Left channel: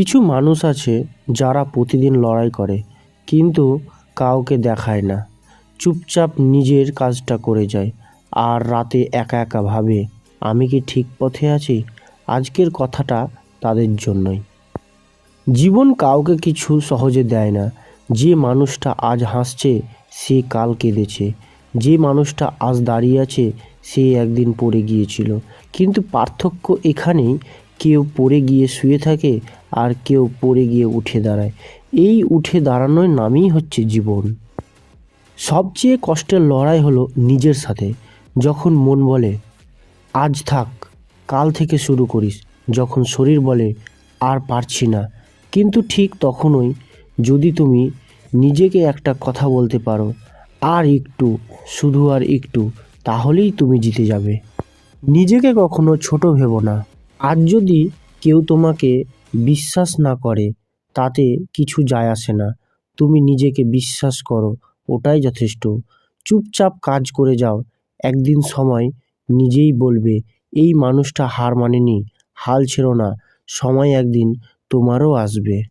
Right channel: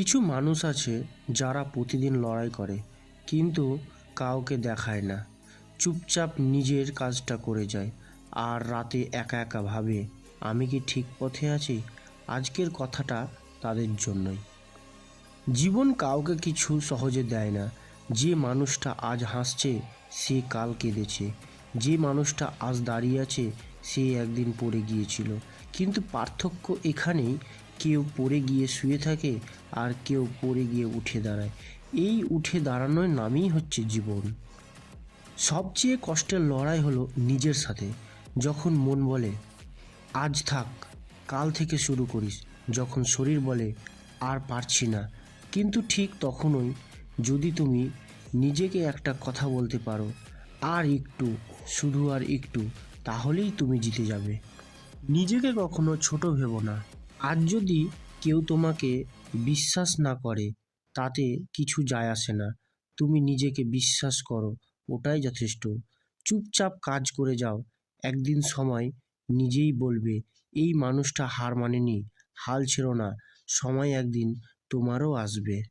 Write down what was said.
কিছু মানুষ আছে যারা প্রতিদিন লড়াই করে কিন্তু কাউকে দেখায় না, চুপচাপ নিজের কাজটা করে যায় আর রাতে একা একা ভাবে আমি কি ঠিক পথে আছি। আজকের কথাটা তাদের জন্যই। জীবন কাউকে কিছু সহজে দেয় না। যে মানুষটা আজ হাসছে সে কাল কেঁদেছে, যে মানুষটা আজ দাঁড়িয়ে আছে সে একদিন পড়ে গিয়েছিল। কিন্তু পার্থক্য এখানেই, কেউ পড়ে গিয়ে শুয়ে থাকে আর কেউ পড়ে গিয়ে উঠে দাঁড়ায়। এই উঠে দাঁড়ানোর নামই হচ্ছে জীবন। সবচেয়ে কষ্টের লড়াই হলো নিজের সাথে। যখন মন বলে আজ থাক, কাল থেকে শুরু করিস। যখন শরীর বলে আর পারছি না। কিন্তু ঠিক তখনই যদি তুমি নিজেকে একটা কথা বলতে পারো, আর একটু, শুধু আর একটু, তাহলেই তুমি জিতে যাবে। নিজেকে কখনো ছোট ভেবো না। আজ যদি কেউ তোমাকে বিশ্বাস না করে তাতে কিছু যায় আসে না। তুমি নিজেকে বিশ্বাস করো, ওটাই যথেষ্ট। চুপচাপ কাজ করে যাও, একদিন সময় নিজেই বলবে এই মানুষটা হার মানেনি। হাল ছেড়ো না, সময় একদিন তোমারও আসবে।